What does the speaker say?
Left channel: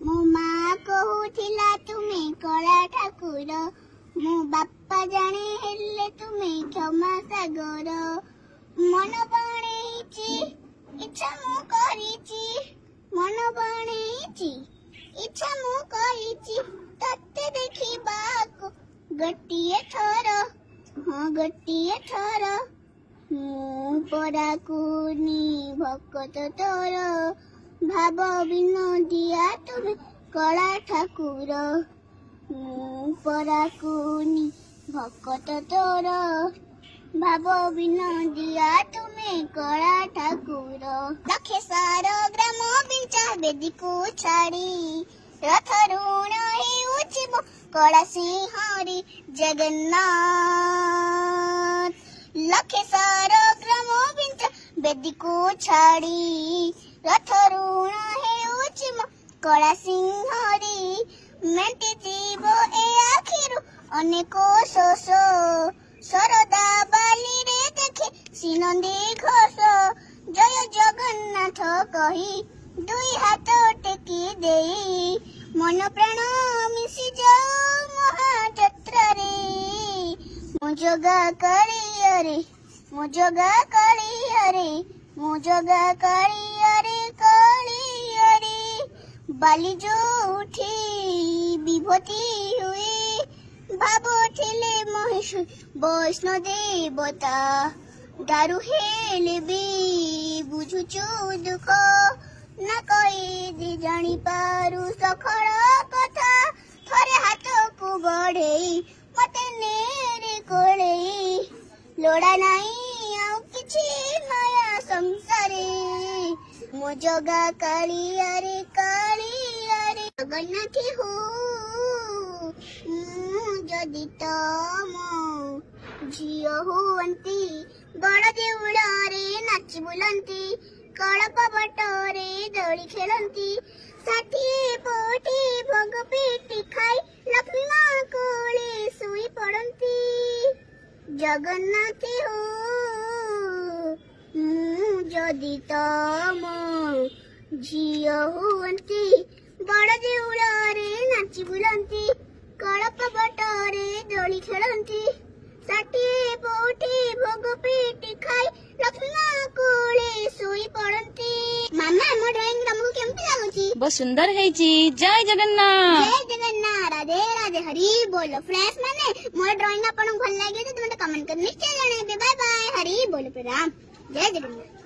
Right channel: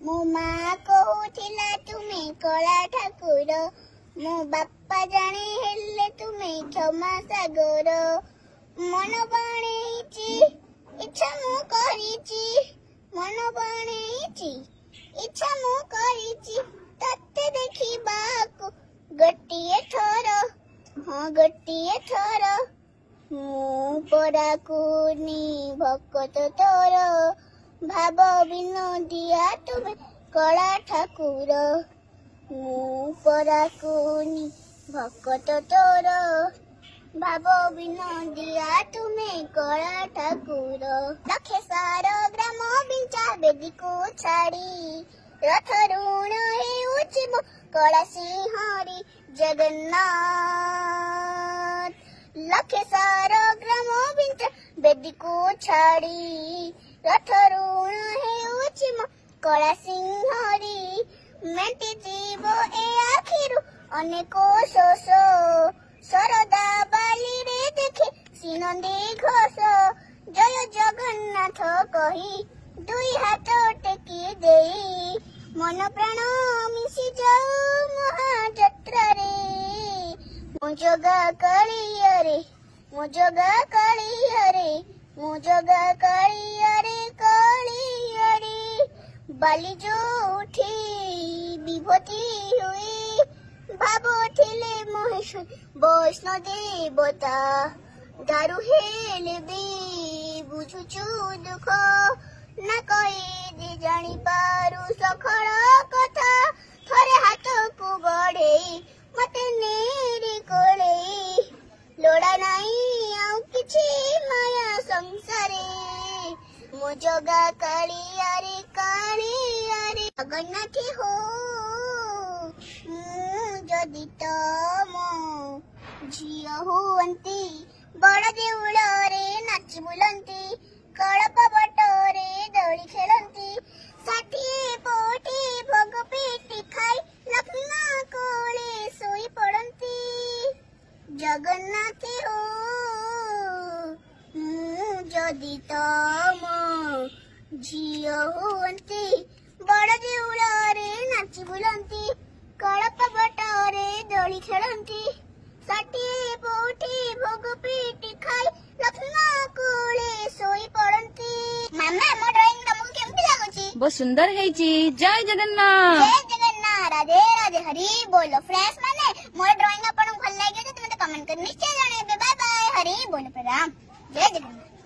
मो माँ कहूथिला तुमे कला ठाकुर मो बापा जाने हेले तुमे क्षमा सागर मन बणेची इच्छा मु करिची मन बणेची इच्छा मु करिची तते देखिबाकु गोटिए थर हाँ गोटिए थर मु पराकुनी भक्त तोर भाव विनोदिया तुमे कला ठाकुर मु पराकुनी भक्त तोर भाव विनोदिया तुमे कला ठाकुर लखेश्वर ग्राम बिचा बेदी को छाड़ी रथ ऋण हेउछि मो कला सिंहरी जगन्नाथ लखेश्वर ग्राम बिचा बेदी को छाड़ी रथ ऋण हेउछि मो कला सिंहरी मेंटे जीव ए आखिरु अनेको शोष सरदा बाली रे देखे सिनंदी घोष जय जगन्नाथ कही दुई हाथ टेकी देई मन प्राण मिशी जाऊ महाजत्रा रे मो जगा कालियारे मो जगा कालियारे मो जगा कालियारे कालियारे बाली जो उठी विभूति हुई भाबो थिले महेश वैष्णो देवता दारु हेले भी बुझुचु दुख ना कई दे जानी पारु सखर कथा थरे हाथ को बढे मते नेरे कोले लोड़ा नाही आउ किछि माया संसारे मो जगा कालियारे कालियारे जगन्नाथ हो जदि तम झियो हुअंती बड़ देउଳରେ नाची बुलंती कळप बटरे दୋଳି खेलंती ଷାଠିଏ ପୋଟି ଭୋଗ ପେଟି ଖାଇ ଲକ୍ଷ୍ମୀ କୋଳେ ଶୋଇ ପଡନ୍ତି ଜଗନ୍ନାଥ ହୋ ଯଦି ତମ ଝିଅ ହୁଅନ୍ତି ବଡ଼ ଦେଉଳରେ ନାଚି ବୁଲନ୍ତି କଳପ ବଟରେ ଦୋଳି ଖେଳନ୍ତି ଷାଠିଏ ପୋଟି ଭୋଗ ପେଟି ଖାଇ ଲକ୍ଷ୍ମୀ କୋଳେ ଶୋଇ ପଡନ୍ତି। ମାମା ମୋ ଡ୍ରଇଂ ତମକୁ କେମିତି ଲାଗୁଛି? बहुत सुंदर है जय जगन्नाथ जय जगन्नाथ राधे राधे हरि बोल फ्रेंड्स माने मो ड्रॉइंग आपन भल लागे तो तुम कमेंट कर निश्चय जाने बाय बाय हरि बोल पे राम जय जगन्नाथ।